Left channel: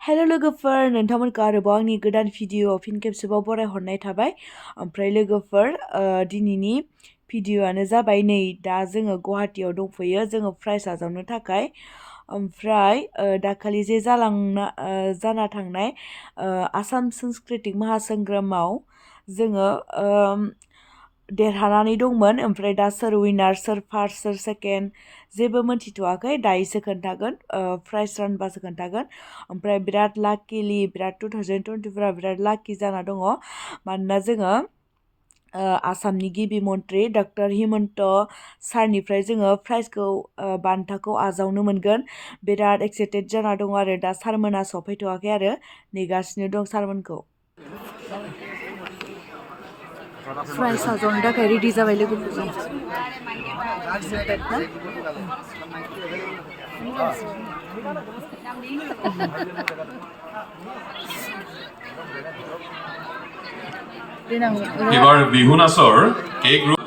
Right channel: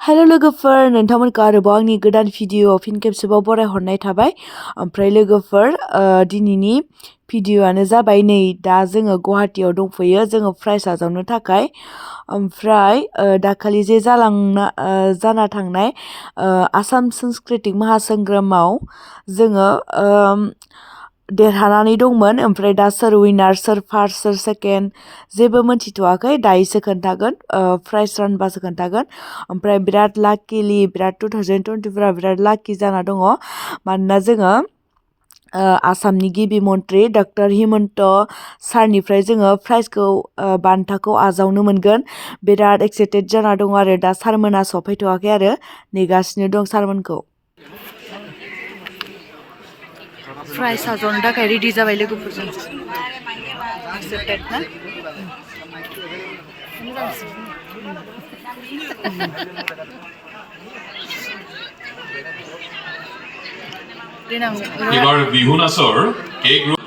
Hello लोगोफोर नोंथांमोनखौ आरोबाव आंनि गोदान भिडिअ फिन खेबसेबाव बरायहरनाय थाबाय ओमफ्राय लोगोफोर दिनैनि भिडिअआनो जाबाय नै दा जोङो गुवाहाटीयाव दंफैयो जोङो प्राइज आजावनो थाखाय ओमफ्राय दाखालि जे जाना थांनाय आसाम सांस्कृतिक महासंग्रामाव जोङो देरहानानै दंमोन ओमफ्राय दा सोर विनार सोर फार्स्ट सोर सेकेन्ड जेबो मोनथिथ'वाखै दायोसो खोन्थागोन प्राइज रानबासो खोन्थागोन ओमफ्राय बिराद लाकिलि बिराद 2024 बिराद लाकि जाना दङ मानोना जोङो आसामनि गिबि मन्त्रि डक्टर हिमन्त सारनिफ्राय जोङो प्राइजखौ बान्थाखौ आजावनो मोनगोन बिराद एक्साइटेड जाना दङ आरो दा सारमोना सफैथ'वाखै आरो नेगासिनो दं सारमोनखौ प्राइज आजावनो थाखाय रेडि जाबाय लोगोफोरजों एक्साइटेड ना এবার বিহু নাচৰ কে গ্ৰুপ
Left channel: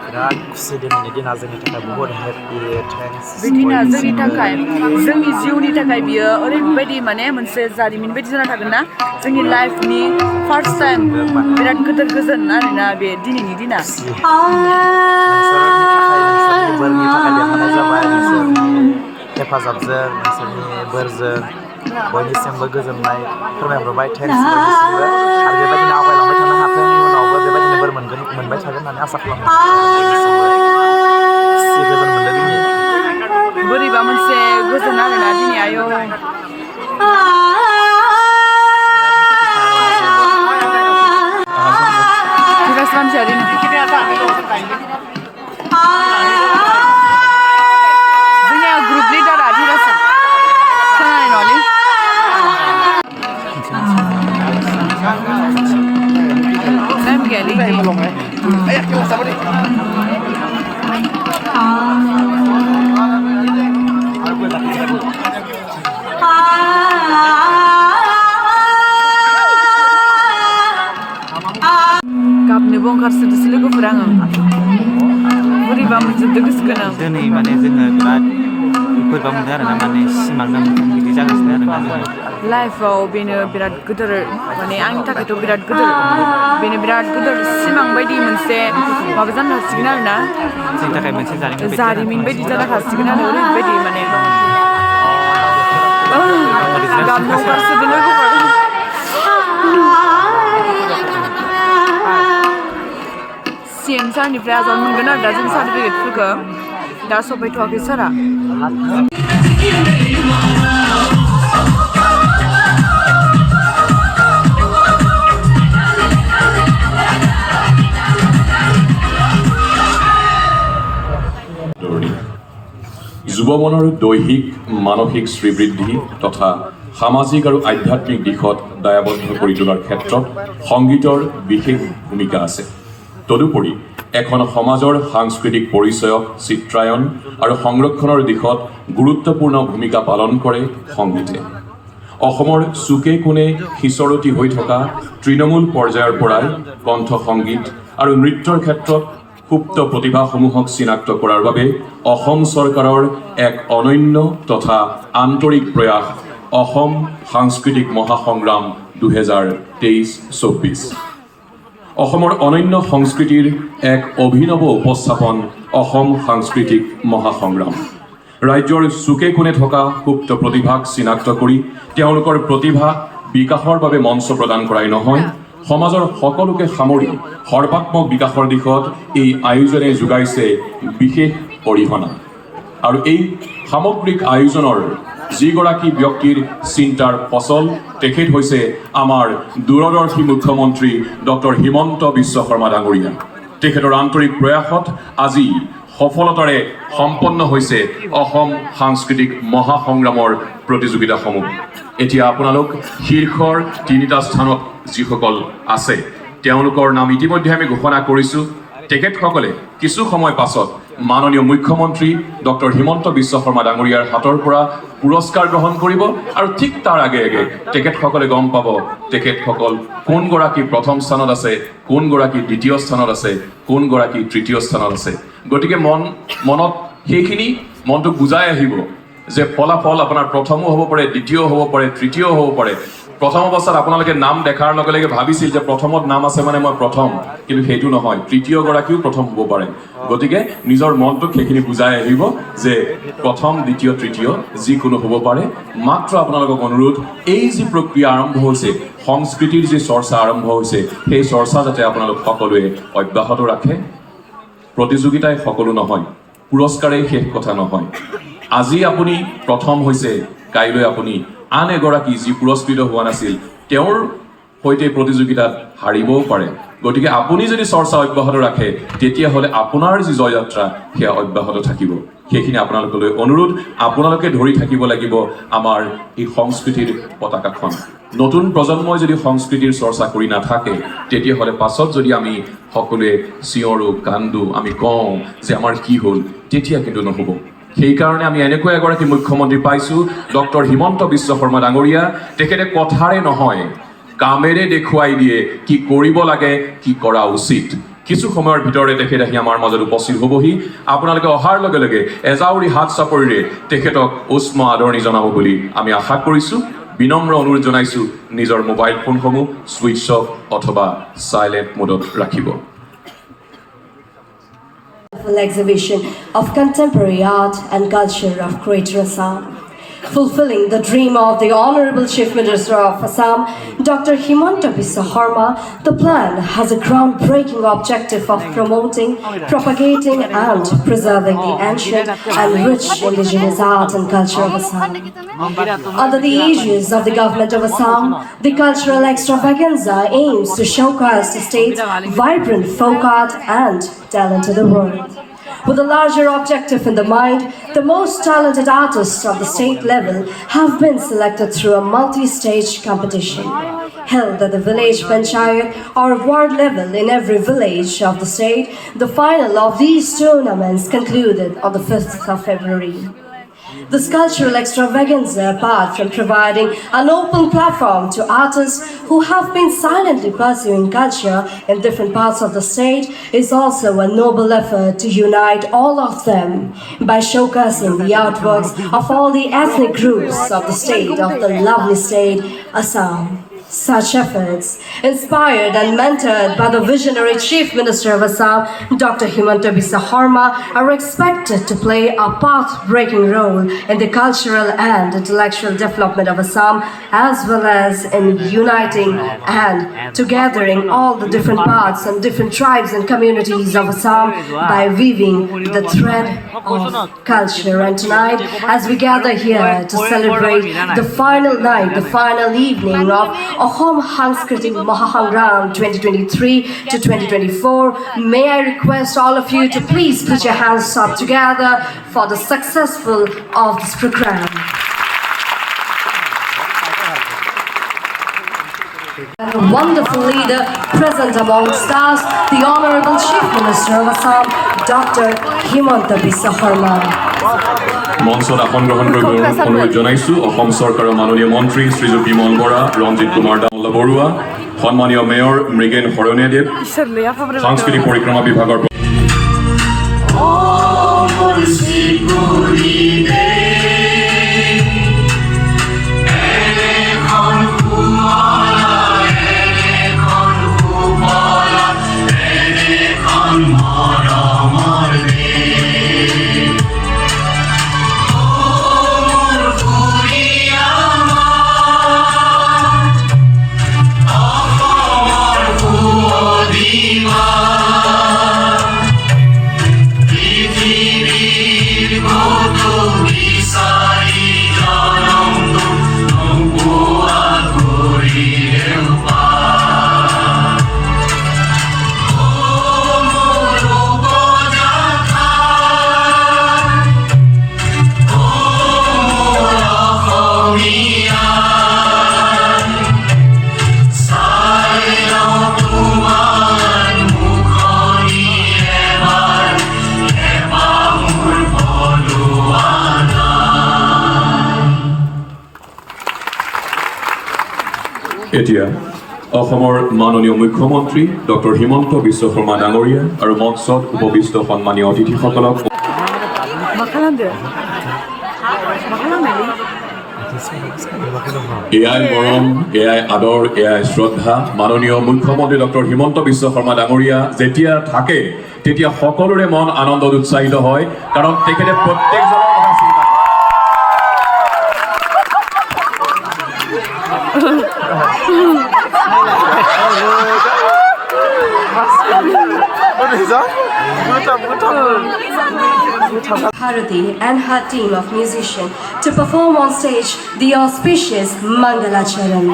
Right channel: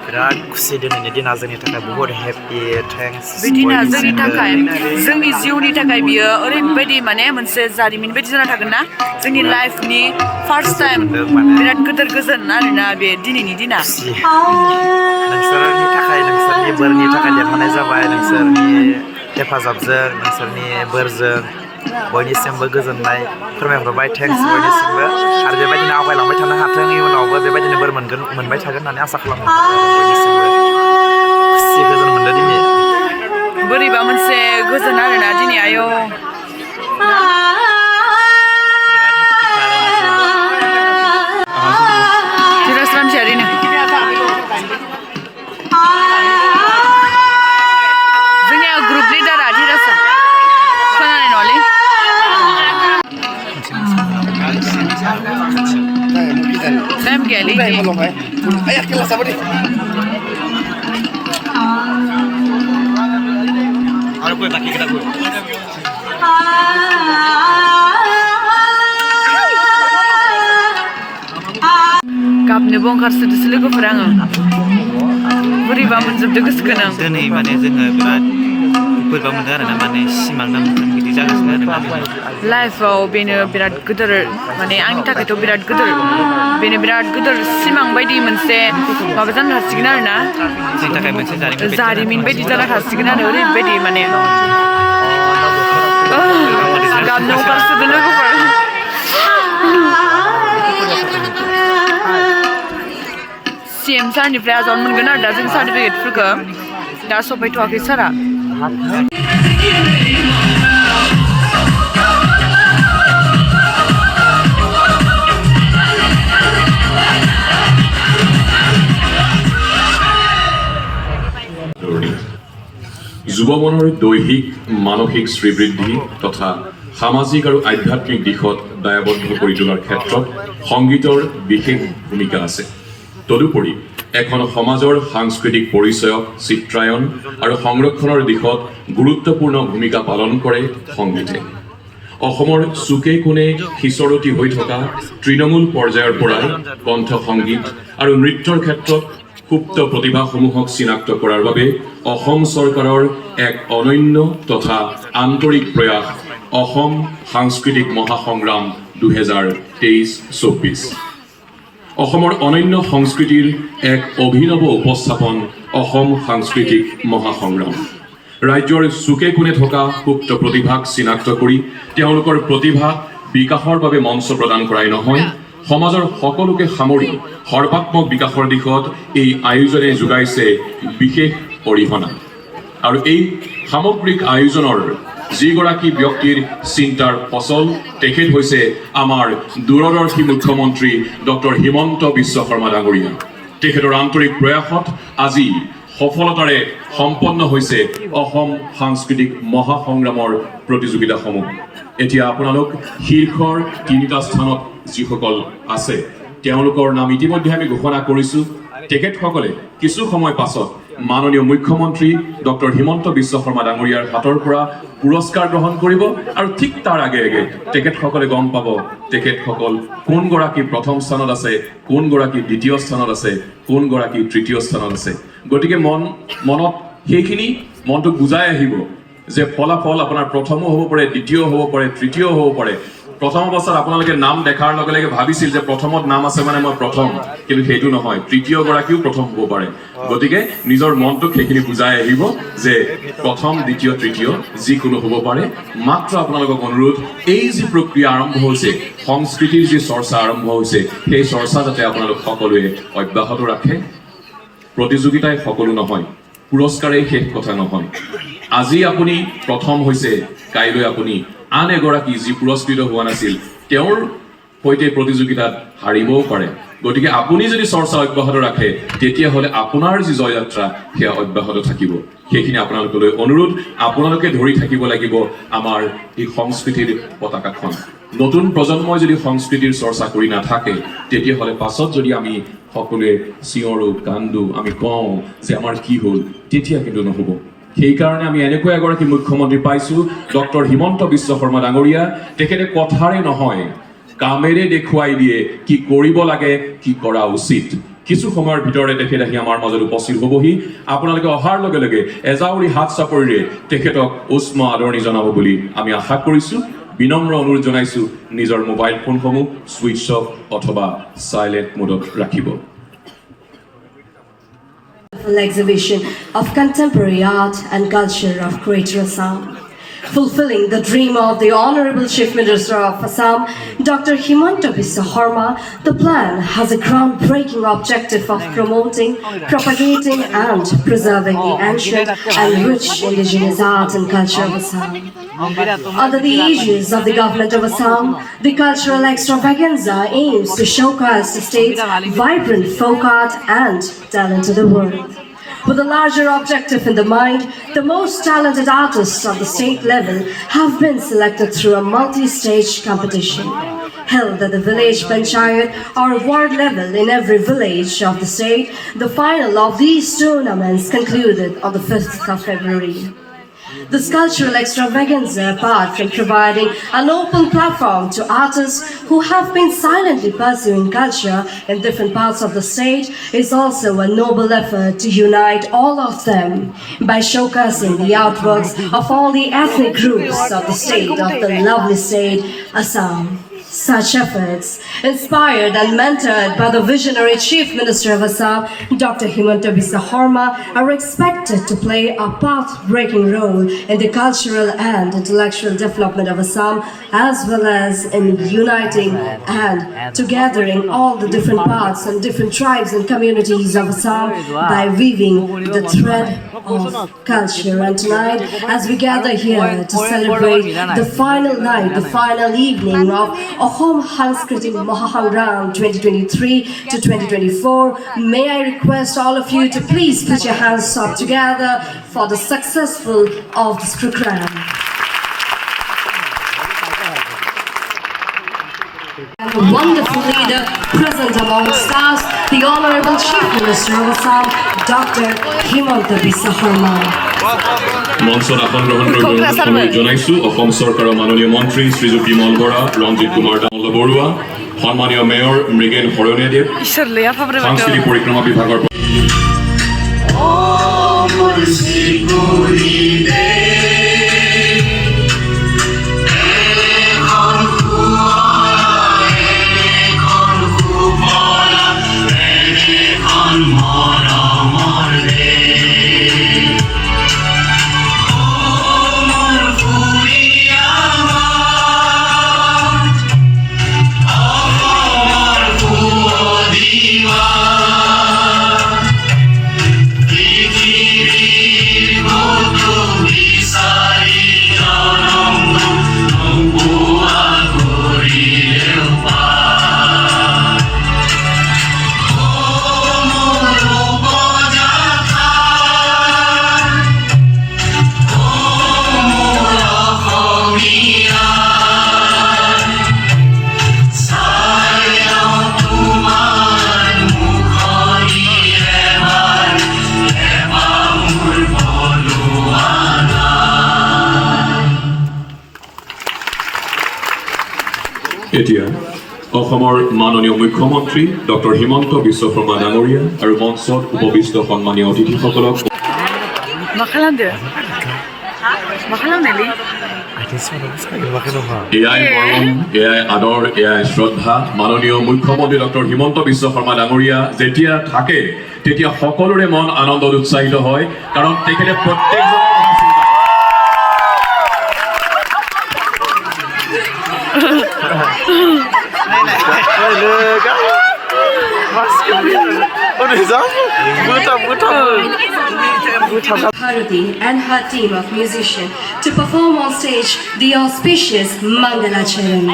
बिराद खुसि दिनैनि दिना जोंनि थाखाय बहुत हेपि थेंक्स बिदिना जोंनि थाखाय जोंनि जिउनि थाखाय बियो ओरैबायदि माने मोनसे जारिमिन बायदि जाना थागोन ना जोंनि लाइफनि फार्स्ट टाइम बिराद गोदोर गोजोन आरोना बे दिनैनि दिना नोंसोरनि थाखाय नोंसोरनि बोरनि थाखाय देरहानाय जाबाय नोंसोरनि हेफाजाबजों नोंसोरनि बोरजों बयनिसिमबो गोजोननाय फोरमायहरबाय थेंक्स बयनिसिमबो आरो बेबायदिनो आवगायलांबाय थानो हाथों इयुनावबो बेबायदिनो बोर मोनबाय थागोन होननानै आसा खालामो बयनिसिमबो खुसि गोजोन मोनदों दिनै बोरैबा मोनसे गोजोन आरोना दिनै आयौ धीरज रामसियारिनो जोंनिया ग्रुप लिडारा धीरजआ खोनानाय नङालै टाइम गैयालै गाबनोबो ओंखारसोदोसो लोगोफोर आङो बोरैबा मोनजोबदो गोसोखौनो दिनै माने जोङो बिराद बोरैबा मोनदों आरोना माने सिमां ना मोनदों बिदि जागासिनो आरोना लाइफआव बेनो बिराद गोदोर माने आंनि थाखायथ' बिराद गोदोर बेनो बिराद गोदोर सिमां बायदि मोनसे माबा जानो हासिगोन आरोना जोंनि थाखाय मोनसे जारिमिन बायदि जाना थासिगोन आरो ओरैबायदि माने गाबनो ओंखारसोदो लोगोफोर CM सारनिफ्राय आजावनो मोनगोन आरो दा जों सार्टिफिकेटफोरखौ दा सफैथ'वाखै सारा যুৱমনৰ দৈহিক মানসিক শ্ৰীবৃদ্ধি তথা সামাজিক আৰু আধ্যাত্মিক দিশত দায়বদ্ধ কৰি তোলাৰ ক্ষেত্ৰত সংগীতৰ বিশেষ ভূমিকা আছে তদুপৰি এখন সমাজৰ সাংস্কৃতিক পৰিচয়ক চিত্ৰায়ন আৰু সংৰক্ষণৰ দিশত গুৰুত্বপূৰ্ণ ভূমিকা পালন কৰে সংগীতে অসমৰ চুকে কোণে সিঁচৰতি হৈ থকা তৃণমূল পৰ্যায়ৰ পৰাই কণ্ঠ সংগীত আৰু নৃত্যৰ ক্ষেত্ৰত সুপ্ত প্ৰতিভাসমূহক চিনাক্ত কৰাৰ বাবে অসম চৰকাৰৰ এক অনন্য তথা আন্তৰিক প্ৰয়াস অসম সাংস্কৃতিক মহাসংগ্ৰাম 2023-24 অসমৰ অনন্য সংস্কৃতিৰ এক অভিনৱ উপস্থাপন অসম সাংস্কৃতিক মহাসংগ্ৰাম ৰাজ্যৰ চুকে কোণে থকা সুপ্ত প্ৰতিভাক চিনাক্ত কৰি তেওঁলোকৰ প্ৰতিভা বিকাশৰ বাবে মঞ্চ প্ৰদান কৰাই নহয় সমাজৰ সকলোকে সামৰি সৰ্বাত্মক বিকাশৰ দিশত এই আয়োজনে যোগাইছে বিশেষ অৰিহণা আৰু এই সামগ্ৰিক আয়োজনৰ যিগৰাকী ব্যক্তিৰ চিন্তাৰ ফচল তেখেত হৈছে আমাৰ দূৰদৰ্শী মুখ্যমন্ত্ৰী ডক্টৰ হিমন্ত বিশ্ব শৰ্মা ডাঙৰীয়া তেখেতৰ আন্তৰিক প্ৰয়াসত আজি সফলতাৰে সম্পন্ন হৈছে অসম সাংস্কৃতিক মহাসংগ্ৰামৰ প্ৰতিযোগিতাসমূহ এতিয়া আপোনালোক শীৰ্ষৰ তিনিটা স্থানত যিসকল আছে তেওঁলোকৰ নাম ইতিমধ্যে আমি ঘোষণা কৰিছোঁ তেখেতসকলে কিছু সময় পাছত মাননীয় মুখ্যমন্ত্ৰী ডক্টৰ হিমন্ত বিশ্ব শৰ্মা ডাঙৰীয়াৰ হাতৰ পৰা পুৰস্কাৰ গ্ৰহণ কৰিব আৰু ঠিক তাৰ আগে আগে তেখেতসকলে গম পাব তেখেতসকল কোনগৰাকী প্ৰথম স্থানত আছে, কোনগৰাকী দ্বিতীয় স্থানত আছে, কোনগৰাকী তৃতীয় স্থানত আছে। গতিকে মনত সেইখিনি মনটোক বুজাই আহিব যে ফলাফল আপোনাৰ প্ৰথমো হ'ব পাৰে, দ্বিতীয় হ'ব পাৰে, তৃতীয় হ'ব পাৰে। প্ৰথম অৱস্থাত আপোনালোকে নাম দেখাৰ লগে লগে ভাবিছিল যে প্ৰথমত নাম আছে মানে মই প্ৰথম, কিন্তু সেইটো নহয়, তৃতীয়গৰাকীও প্ৰথম হ'ব পাৰে। গতিকে নিজৰ মনটোক সেইখিনি বুজাই আহিব যে প্ৰথম, দ্বিতীয়, তৃতীয় যিকোনো হ'ব পাৰে। মাত্ৰ আপোনালোকক অনুৰোধ, এই যি প্ৰক্ৰিয়া আৰম্ভ হৈছে, সংস্কৃতিৰ যি চৰ্চা আৰম্ভ হৈছে, সেই চৰ্চা যাতে আপোনালোক সকলোৱে অব্যাহত ৰাখে। প্ৰতিযোগিতাই সকলো নহয়, পুৰস্কাৰেই শেষ কথা নহয়। আজি আপুনি প্ৰথম হৈছে, কাইলৈ আপুনি আন এগৰাকী যি পুৰস্কৃত হোৱা নাছিল তেওঁৰ সৈতে প্ৰতিযোগিতাত হাৰিবও পাৰে। গতিকে আপুনি যদি চৰ্চা অব্যাহত ৰাখে তেতিয়াহ'লে আপোনাৰ যি জয়যাত্ৰা সেয়া অব্যাহত থাকিব। সেইখিনি আপোনালোকলৈ অনুৰোধ, আপোনালোকে ধৰি থাকিব লাগিব আমাৰ এই সংস্কৃতিৰ পতাকাখন। নতুন প্ৰজন্মই যদি সংস্কৃতিৰ চৰ্চা কৰি নাথাকে তেতিয়াহ'লে পাছত যদি আমি সকলোৱে চিঞৰো, কান্দো, আমি কওঁ যে আমাৰ কি হ'ল, তেতিয়া কিন্তু নহ'ব। সেইকাৰণে আমি এনেকুৱা এগৰাকী মুখ্যমন্ত্ৰী পাইছোঁ, ডক্টৰ হিমন্ত বিশ্ব শৰ্মা ডাঙৰীয়া। তেখেতে কথাৰে নহয়, কামেৰে দেখুৱাই দিয়ে কি কৰিব লাগে, কি কৰা উচিত। কিছু সময়ৰ ভিতৰতে তেখেত আহি আমাৰ মাজত উপস্থিত হ'বহি। আপোনালোকে অহাৰ লগে লগে এজাউৰি হাত চাপৰিৰে তেখেতক উষ্ম আদৰণি জনাব বুলি আমি আশা কৰিছোঁ। বিনম্ৰ অনুৰোধ জনাইছোঁ, নিজৰ মোবাইল ফোনসমূহ ছুইচ অফ অথবা চাইলেণ্ট মোডত ৰাখিব। Exhibition of contemporary art and culture of Greater Assam. Fulfilling the dream of the Honorable Chief Minister of Assam, Dr. Hemanta Biswa Sarma, the plan has a groundbreaking objective of promoting, propagating and preserving the ancient and rich indigenous art and culture of Assam. Under the aegis of the government of Assam, the cultural extravaganza aims to showcase the state's vibrant folk art and talent to the world. With a larger objective in the mind, the most talented artists of the state level have been selected through a multi-stage competition held at the village panchayat or ward level in every village of the state. The final of these tournaments concluded on the 5th of February. This cultural extravaganza, apart from providing an open platform to artists who have been silently pursuing culture in different parts of the state, is also a noble effort to unite all of them by showcasing the artworks of all the ethnic groups of the state, of the lovely state, Assam. Such efforts, inspired and mentored by the visionary Chief Minister of Assam, Dr. Hemanta Biswa Sarma, are expected to play a path-breaking role in the cultural and intellectual development of Assam, as well as in uniting and together,ing all the different parts and different tribes and communities of Assam by weaving the thread of culture. And tonight, as we gather here to celebrate the final night, the final evening of Ahom Hanskriti Mahahangram 2023 to 2024, may I request all of you to please put your hands up together for the successful of this program. And a wonderful leader present amongst us, the Honorable Chief Minister of Assam, Dr. Hemanta Biswa Sarma. মঞ্চত আসন গ্ৰহণ কৰিবলৈ অনুৰোধ জনাইছোঁ অসম চৰকাৰৰ মাননীয় মন্ত্ৰী শ্ৰীযুত বিমল বৰা, ৰঞ্জিত কুমাৰ দামোলা বৰুৱা, সন্মানীয় মেয়ৰ মৃগেন শৰণীয়াদেৱ, সাংস্কৃতিক পৰিক্ৰমা বিভাগৰ এতিয়া অসমৰ মাননীয় মুখ্যমন্ত্ৰী ডক্টৰ হিমন্ত বিশ্ব শৰ্মা ডাঙৰীয়া আৰু মঞ্চত উপবিষ্ট সন্মানীয় অতিথিসকলক এয়াই মৰম, এয়াই আদৰ, এয়াই শ্ৰদ্ধা। মাননীয় মুখ্যমন্ত্ৰী ডক্টৰ হিমন্ত বিশ্ব শৰ্মা ডাঙৰীয়া যেতিয়া থাকে তেতিয়া সকলোৰে মন আনন্দত উৎসাহিত হয়, কাৰণ তেখেতে প্ৰত্যেকজনৰ কথা চিন্তা Bharati and her team of musicians to perform on stage the auspicious Mangalacharan.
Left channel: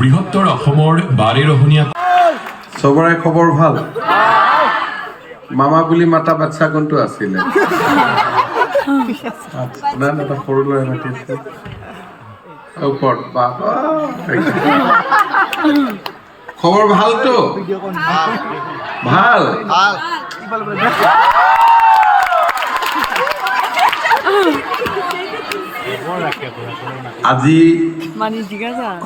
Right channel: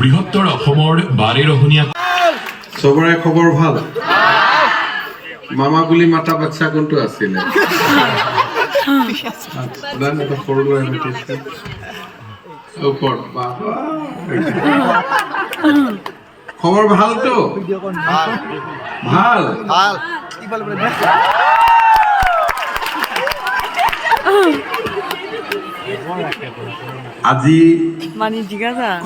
বৃহত্তৰ অসমৰ বাৰেৰহণীয়া সবৰে খবৰ ভাল মামা বুলি মাতা বাচ্চা কোনটো আছিল সৰু ল'ৰা মাতিছে ওপৰত বাবা খবৰ ভালতো ভাল আজি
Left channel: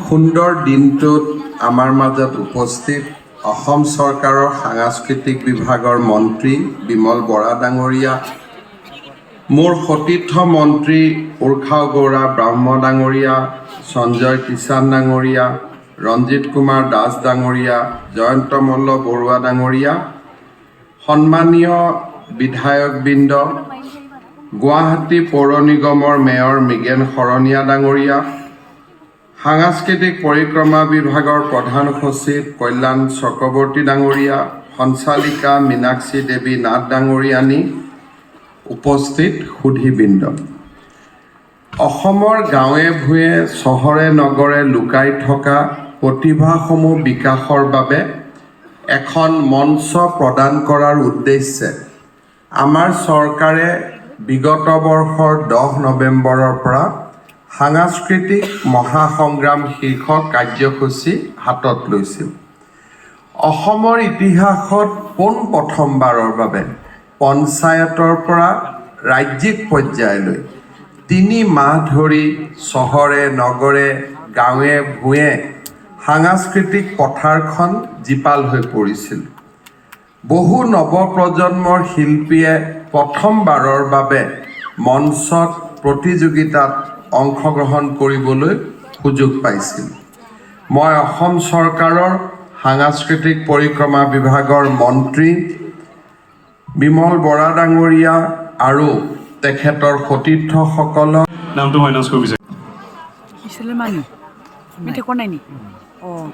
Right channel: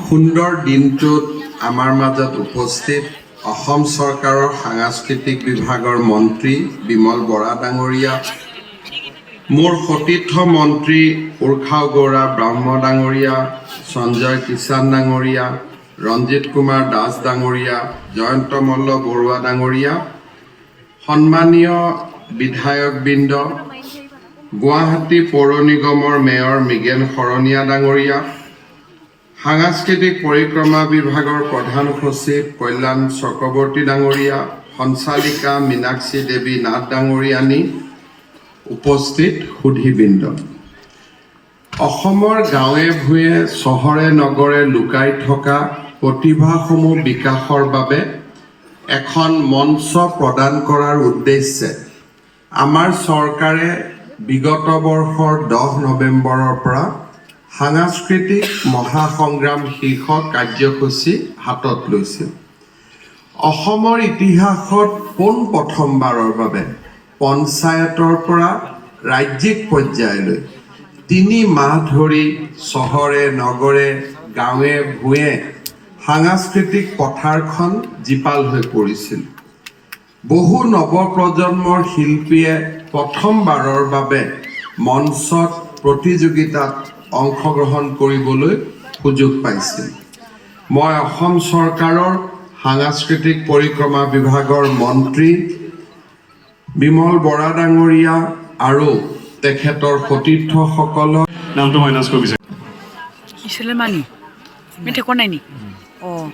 সুন্দৰ দিনটোত আমাৰ মাজত উপস্থিত অসম চৰকাৰৰ সাংস্কৃতিক বিভাগৰ মন্ত্ৰী বিমল বৰা ডাঙৰীয়া, মোৰ সতীৰ্থ মন্ত্ৰী উৰ্খাও গৌৰা ব্ৰাহ্ম ডাঙৰীয়া, সঞ্জয় কিষাণ ডাঙৰীয়া, ৰঞ্জিত কুমাৰ দাস ডাঙৰীয়া, জয়ন্ত মল্ল বৰুৱা ডাঙৰীয়া, সন্মানীয় বিধায়কবৃন্দ, গুৱাহাটী পৌৰ নিগমৰ মেয়ৰ মৃগেন শৰণীয়া ডাঙৰীয়া, সাংস্কৃতিক পৰিক্ৰমা বিভাগৰ প্ৰধান সচিব কল্যাণ চক্ৰৱৰ্তী ডাঙৰীয়া, সঞ্চালিকা মীনাক্ষী দেৱী নাথ ডাঙৰীয়ানী, উপস্থিত সুধীবৃন্দ। অসমৰ গাঁৱে ভূঞে চহৰে নগৰে লুকাই থকা প্ৰতিভাসমূহ বিকাশৰ বাবে এখন মঞ্চ প্ৰদান কৰাৰ উদ্দেশ্যে আমাৰ চৰকাৰে বিগত বৰ্ষৰ 10 নৱেম্বৰৰ পৰা সাংস্কৃতিক মহাসংগ্ৰাম শীৰ্ষক কাৰ্যসূচী হাতত লৈছিল। অসমৰ ইতিহাসত পোনপ্ৰথমবাৰৰ বাবে পঞ্চায়তৰ পৰা ৰাজ্যিক পৰ্যায়লৈ 3 মাহ ধৰি চহৰে নগৰে গাঁৱে ভূঞে সাংস্কৃতিক পথাৰখন জীপাল হৈ পৰিছিল। বহু নৱপ্ৰজন্মৰ শিল্পীয়ে প্ৰথমবাৰৰ বাবে মঞ্চত প্ৰতিযোগিতাত অংশগ্ৰহণ কৰিবলৈ সুযোগ পাইছিল। মই অসম চৰকাৰৰ সাংস্কৃতিক পৰিক্ৰমা বিভাগৰ মন্ত্ৰী বিমল বৰা ডাঙৰীয়া আৰু তেখেতৰ সতীৰ্থসকলক নামটো মাইনাছ কৰিব বিচাৰিছোঁ। ইছলামানি মেথে কোৱা নাই নি অঁ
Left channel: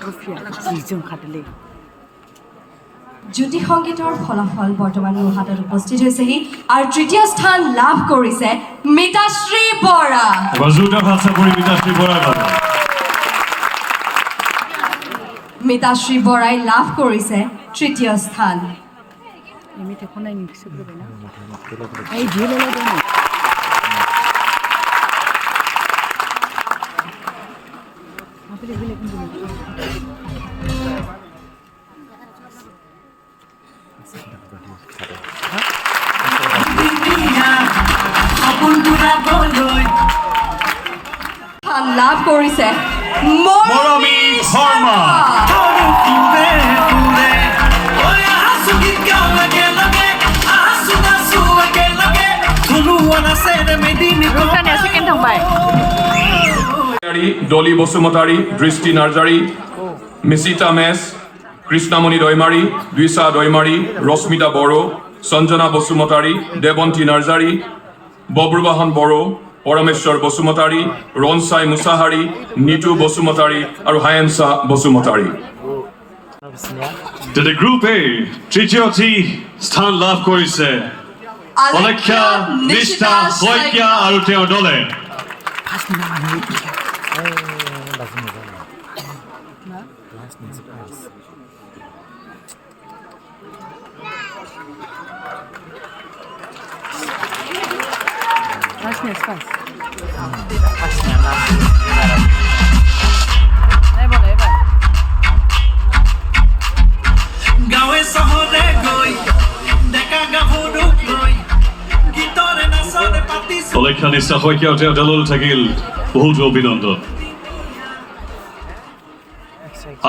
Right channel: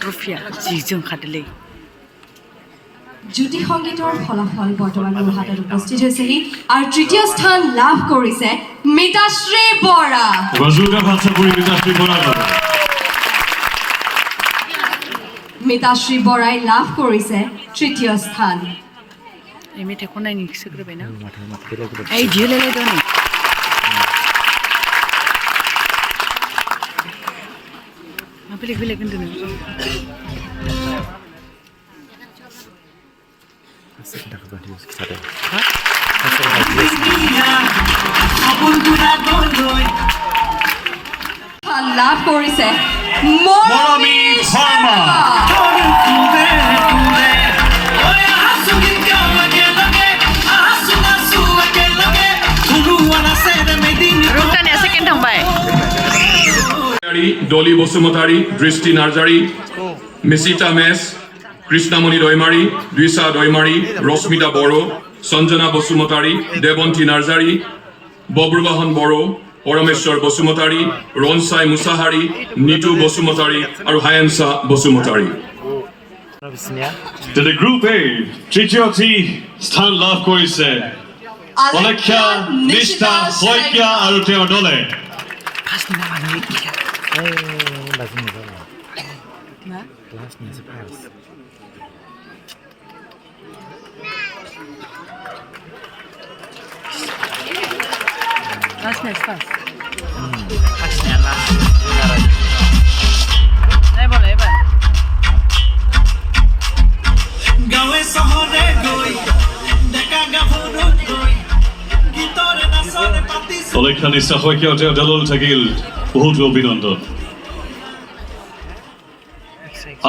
ট্ৰফিয়া যিজন খাটিলে জ্যোতি সংগীতৰ ফলাফল বৰ্তমান মোৰ হাতত উপস্থিত হৈছেহি আৰু তৃতীয় স্থান লাভ কৰিছে মিতাশ্ৰী বৰা। মিতাশ্ৰী বৰাই লাভ কৰিছে তৃতীয় স্থান। এই মেথে কোৱা নাই নি চক্ৰবে না এই ঝিলে লৈ দে আপনি বিলে কিন্তু না কৰিছে মৰমী Sharma Ruktan ya second tambai. Dolly Bosumotari, Dristi Narjari, Mesita Mes, Krishnamoni Doimari, Dwisa Doimari, Rosmita Boro, Sanjana Bosumotari, Devonti Narjari, Bobrubahan Boro, Parameshwar Bosumotari, Ronsai Musahari, Nitu Bosumotari, and Hyansa Bosumotari. To the Group A, তৃতীয়টি স্থান লাভ কৰিছে Alekya, Nishta, Soikya, আৰু তেওঁৰ দলে Last name fast. Nebol. Gawe sahore goi, deka gavuru goi, gitare nasare pati. Alekya, Nishta, Soikya আৰু তেওঁৰ দললৈ থাকিল বহুত অভিনন্দন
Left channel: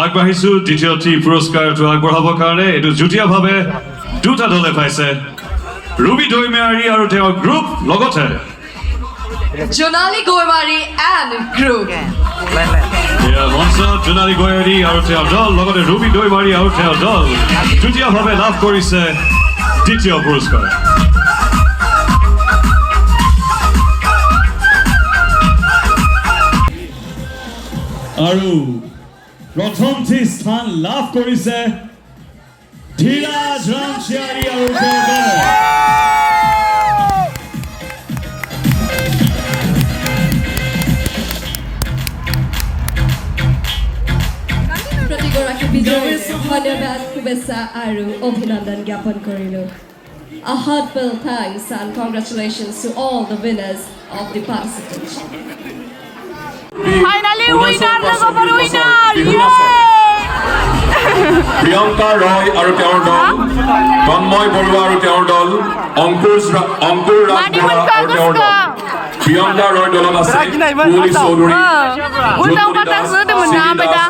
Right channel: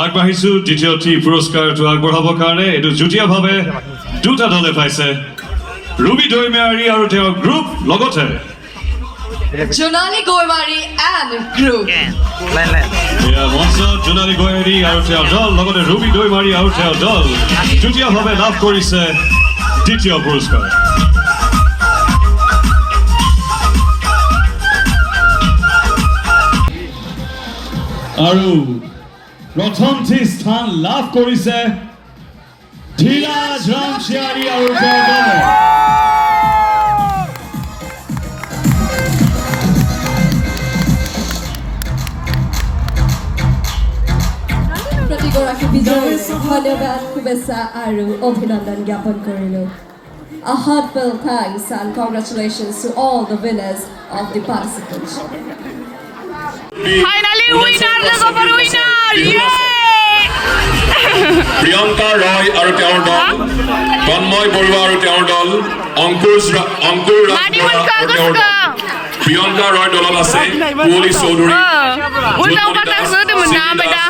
আগবাঢ়িছো দ্বিতীয়টি পুৰস্কাৰটো আগবঢ়াবৰ কাৰণে এইটো যুটীয়াভাৱে দুটা দলে পাইছে Ruby Doimari আৰু তেওঁৰ গ্ৰুপ লগতে Jonali Goimari and group. মঞ্চ জোনালী গোৱাৰী আৰু তেওঁৰ দল লগতে Ruby Doimari আৰু তেওঁৰ দল যুটীয়াভাৱে লাভ কৰিছে দ্বিতীয় পুৰস্কাৰ আৰু প্ৰথমটি স্থান লাভ কৰিছে ধীৰাজ ৰামচিয়াৰী আৰু তেওঁৰ দলে প্ৰতিগৰাকী বিজয়ীক ধন্যবাদ শুভেচ্ছা আৰু অভিনন্দন জ্ঞাপন কৰিলোঁ A heartfelt thanks and congratulations to all the winners of the participation. Finally winner, winner! Yay! Priyanka Roy আৰু তেওঁৰ দল, তন্ময় বৰুৱা আৰু তেওঁৰ দল, অংকুৰ ৰাজ আৰু তেওঁৰ দল। Priyanka Roy দলত আছে পুলি Choudhury, Ulang patang sudah menang beda.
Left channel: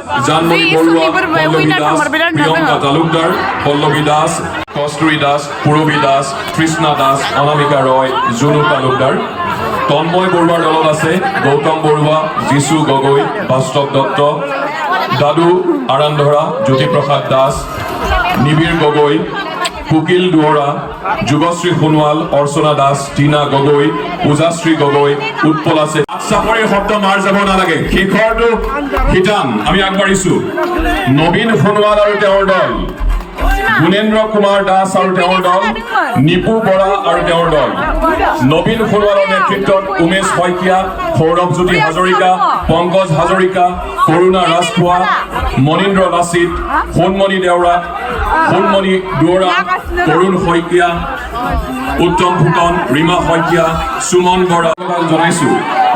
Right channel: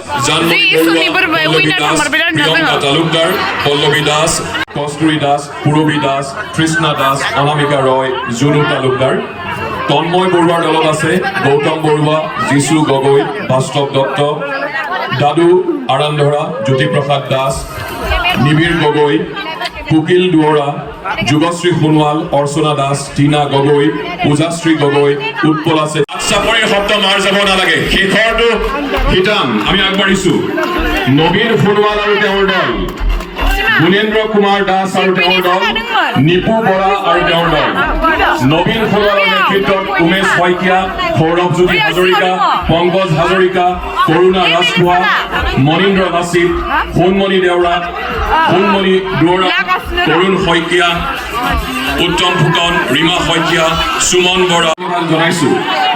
Di isu ni berbeda winner nomor beda Priyanka Talukdar, Pallavi Das, Kasturi Das, Purvi Das, Krishna Das, Anamika Roy, Jwngnw Talukdar। তন্ময় বৰুৱাৰ দলত আছে গৌতম বৰুৱা, যিশু গগৈ, বাস্তৱ দত্ত, দাদু আৰান্ধৰা, জ্যোতিপ্ৰসাদ দাস, নিবিৰ গগৈ, কুকিল দুৱৰা, যুগশ্ৰী সোণোৱাল, অৰ্চনা দাস, টিনা গগৈ, পূজাশ্ৰী গগৈ, উৎপল আছে চাপৰিৰ শব্দ মাৰ যাব নালাগে শেষৰটো শিতাম আমি আগবাঢ়িছো নবীন সোণোৱাল আৰু তেওঁৰ দল গুণেন্দ্ৰ কুমাৰ দাস আৰু তেওঁৰ দল নিপু বৰা আৰু তেওঁৰ দল নবীন সোণোৱালৰ নেতৃত্বত উমেশ শইকীয়া সৌৰভজ্যোতি হাজৰিকা পংকজ হাজৰিকা কৰুণা ৰাজখোৱা মনীন্দ্ৰ লাচিত সোণমণি দেউৰা সোণমণি দুৱৰা তৰুণ শইকীয়া উত্তম ফুকন ৰীমা শইকীয়া সুমন বৰা জনাইছো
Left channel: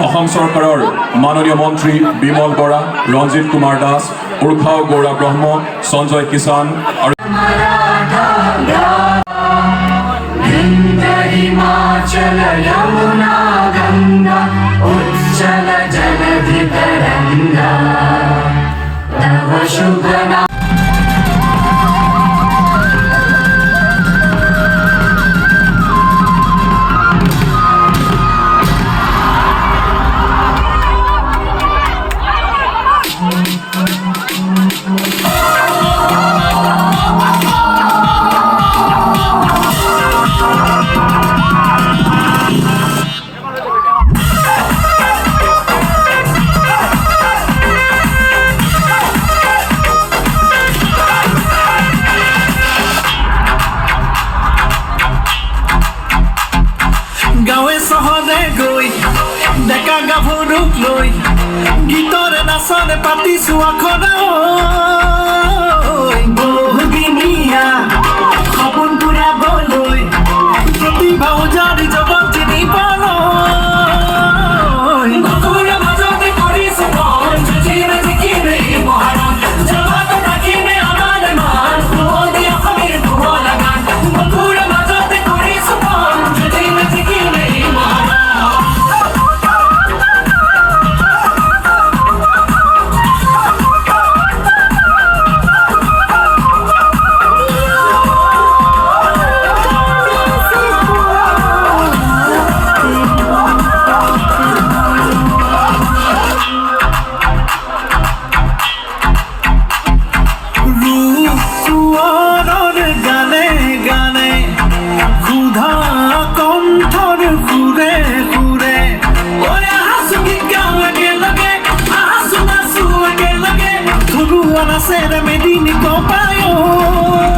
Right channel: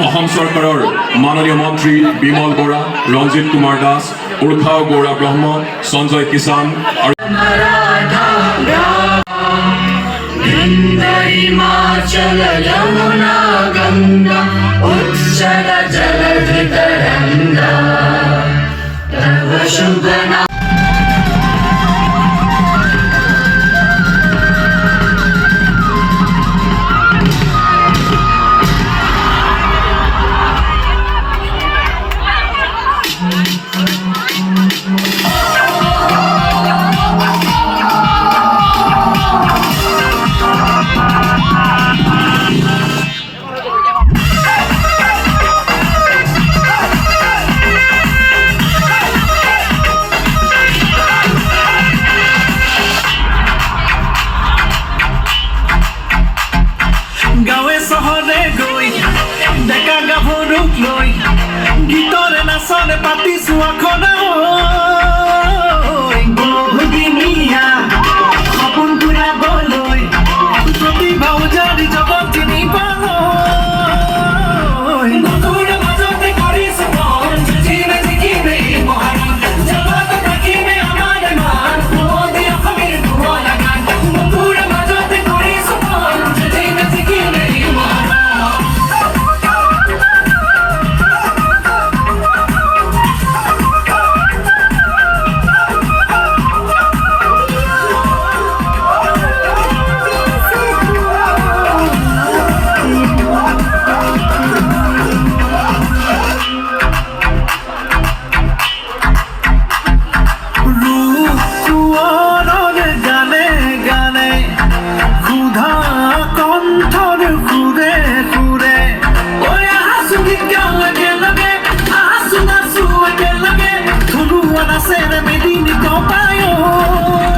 অসম চৰকাৰৰ মাননীয় মন্ত্ৰী বিমল বৰা ৰঞ্জিত কুমাৰ দাস উৰ্খাও গৌৰা ব্ৰহ্ম সঞ্জয় কিষাণ আৰু हिमाचल यमुना गंगा उच्चल जलधि तरंगा तव शुभ नाम গাঁৱে চহৰে গৈ ডেকা গাভৰুক লৈ গীতৰে নাচৰে পাতিছো আখৰা বহুদিনীয়া সপোন পুৰাবলৈ প্ৰতিভা উজাৰি জগত জিনিবলৈ নতুনৰ মাজতে কৰিছো মন জিমে জিকিমে মহাৰাণ জগত ৰাখিমে আমাৰ মান নদী অসমীৰ ধুৱলা গান নতুনৰ মাজতে কৰিছো মন জিমে জিকিমে মহাৰাণ Buonasera Medini Compaio